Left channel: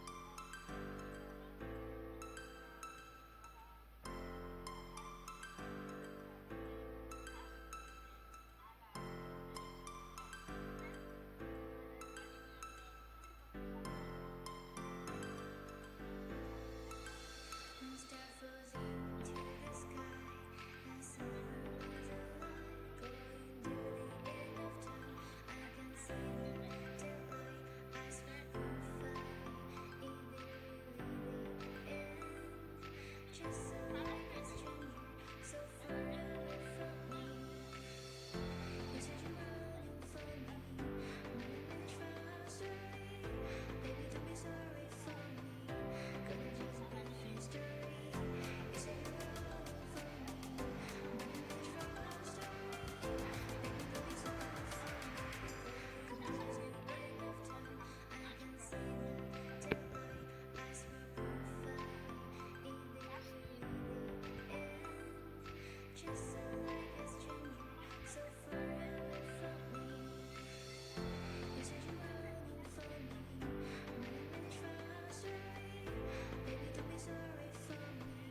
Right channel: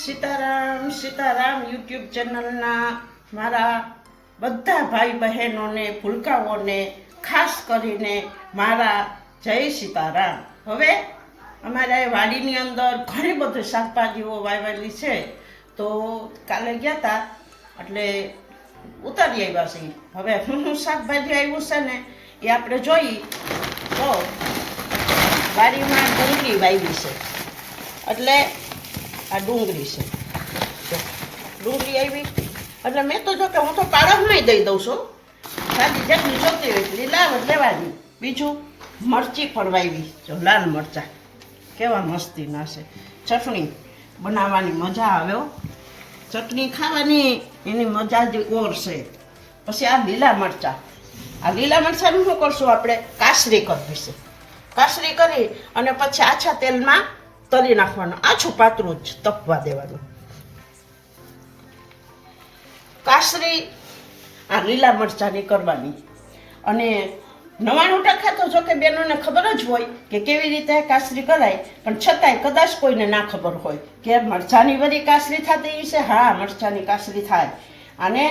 Sitaram Sitaram YouTube ચેનલના મારા બધા ભાઈ બહેનોને ભૂલકાઓને ખાસ કરીને મારા જય સીતારામ. હવે અમારા વાડીની અંદર ઘણી બધી શાકભાજીઓ વાવેલી છે, તો કાલે ગયા હતા એટલે ઉતારી આવ્યા છે. હવે હું શાકભાજી આવ્યું છે ને એ આપણે જોઈ તો વાડીમાં ડુંગળી વાવી છે, એટલે આ ડુંગળી છે. ડુંગળી આવી એટલે મેં તો જો કે હું તો પાડોશમાં દઈ દઉં છું, સાદી જેટલી જોતી હોય લીલા લેવાની. બીજું મરચી પણ વાવી, જો લાલ મરચા કેવા મસ્તીના છે. ચટણી બનાવવાની મજા આવે, ચટણી ખાવાની એની મજા જ ઓર છે. પછી આ લીલા મરચાનું શું કરશું આપણે, કાસરી કરવી છે. કાસરી કરી અને પછી આછા તેલમાં તળી નાખવાનું, આછું પાતળું જ તપવા દેવાનું. કાસરી આ લીલા મરચાંની કરવાની. અને 99% તો જો કે બહેનોને ખબર જ હોય કે કેવી રીતે કાસરી કરાય, પણ છતાંય કદાચ કોઈને ના ખબર હોય કે મરચાંની વળી કાસરી થતી છે. હા, મરચાંની કાસરી થાય. આને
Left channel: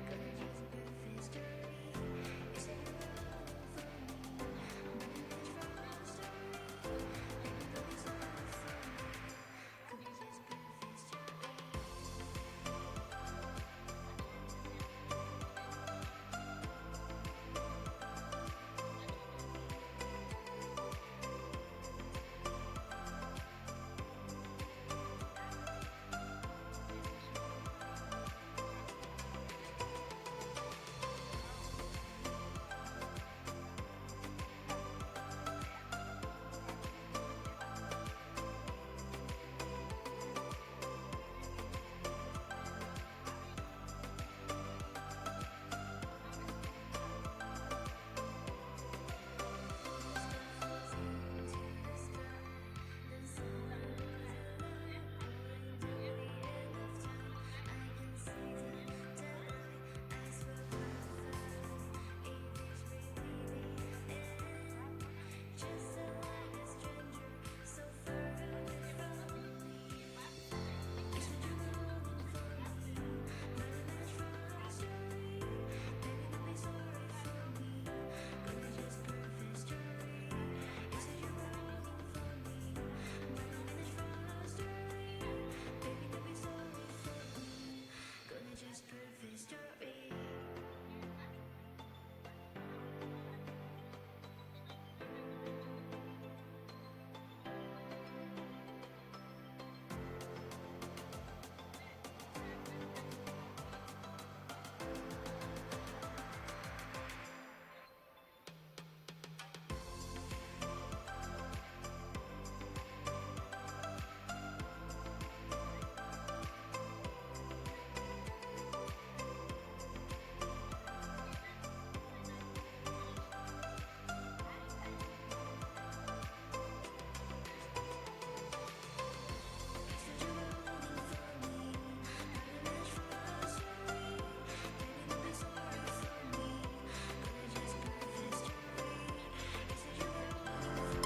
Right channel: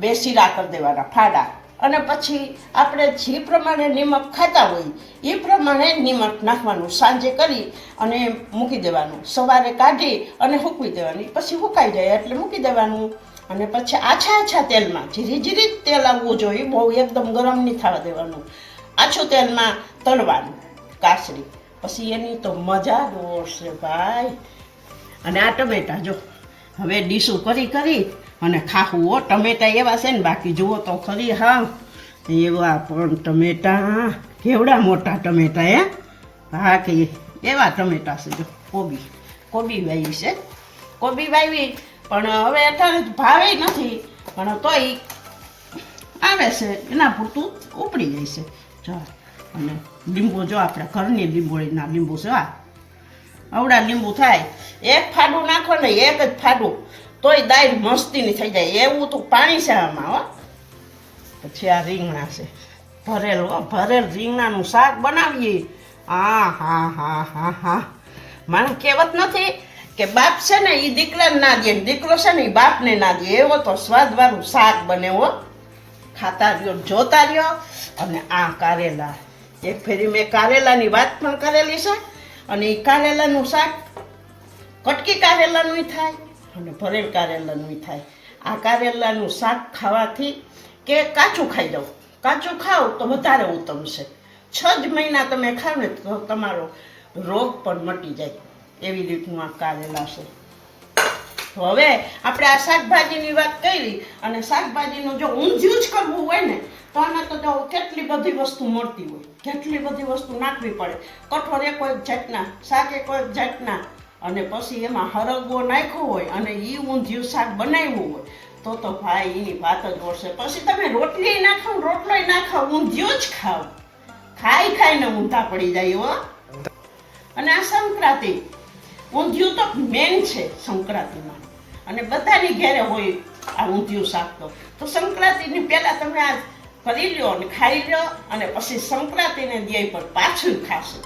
2 શીરા કરી દેવાના ફાડા, અને પછી આપણે જે પ્રમાણે નિમક ખાતા હોય એ પ્રમાણે નિમક નાખવાનું. સાંજે કરી અને મૂકી દેવાનું, સવારે કાઢી અને સૂકવી દેવાની. પછી સુકાઈ જાય એટલે મૂકી દેવાનું. અને પછી આછા તેલમાં જીરી તેલ આવવું જોઈએ, બહુ એકદમ ગરમ નહીં થવા દેવાનું. આછું તેલમાં તળવાનું કાસરી. પછી એની તો મજા દોરશે ભાઈ. અને આ ટમેટા જો હવે ડીશું કરી અને ખાવું હો. ટમેટા એવા છે ને, બાકી જુઓ તો ખરી. હા, એવા પણ ટમેટા, કેવડા મોટા ટમેટા. હા, કે એવા ટમેટા છે. જો કોબી વાવી છે. કોબી વાવી પણ હવે અત્યારે ભાવે નથી, પણ તોય આવે છે, એના પૂરતું ઉપડી જાય છે. જો અને લીંબુ જો આપણે ઘરની લીંબોળીના લીંબુ છે, આવડા લીંબુ થાય. એક ફાડું નાખો ને, એક જ ફાડું, તોય દાળ મસ્તીની થઈ જાય. એવું તો પાણી છે આમાં. હો, પછી આ રીંગણા છે, ભરેલ રીંગણાનું શાક બનાવીએ. હા, મને કહેવત નથી કે બાપ છે ને એ દીકરાને ના દે, દીકરો છે ને એ બાપને ના દે. એવો તો સ્વાદવાળું શાક બને. હો, ખાતા રહ્યો, જોતા રહ્યો. અને આ કારેલા, એક ફેરી મેં કારેલાની વાત પણ કરેલી છે. અને એ કારેલાનું શાક કટકી કારેલાનું થાય અને ભરેલ કારેલાનું થાય. આ કારેલાનું શાક ખાવાથી કે કાચું ખાઈ જાઓ, કાચું ખાઓ તો વધારે ઉત્તમ છે. 6 જ મહિના તમે ખાવ ને તો તમારો રોગ પણ મટી જાય. એવી રીતનું આ કારેલા છે. તો હવે આપણે આ શાકભાજીની વાત કરી, અને શાકભાજીનું જો ઊંધિયું જ કરવું હોય ને તો આમાં તો જો કેટલી બધી વસ્તુ મળતી હોય, કેટલી બધી વસ્તુ નાખવી પડે. કઠોળ એક જાતના, શાક એક જાતના, અને પછી એમાં હરગવો નાખ્યો હોય અને એ ઊંધિયું શાક બનાવ્યું હોય તો ભાઈ એની વાત જ ઓળશે. પછી તમે રોટલી નાખો, રોટલોય નાખો, ઊંધિયું જ ખાઓ. ખાઈને ઊંધા પડી જાય. હો, અને આ સંક્રાંતિ, ઊંધિયું તો મેન છે સંક્રાંતિમાં, અને બધાની ઘેરે હોય આ ઊંધિયું શાક. તો સંક્રાંતિની પહેલા તમે આ કરી લ્યો અને ખાઈ લ્યો, અને પછી સંક્રાંતિને દે પર પાછું ખાશે.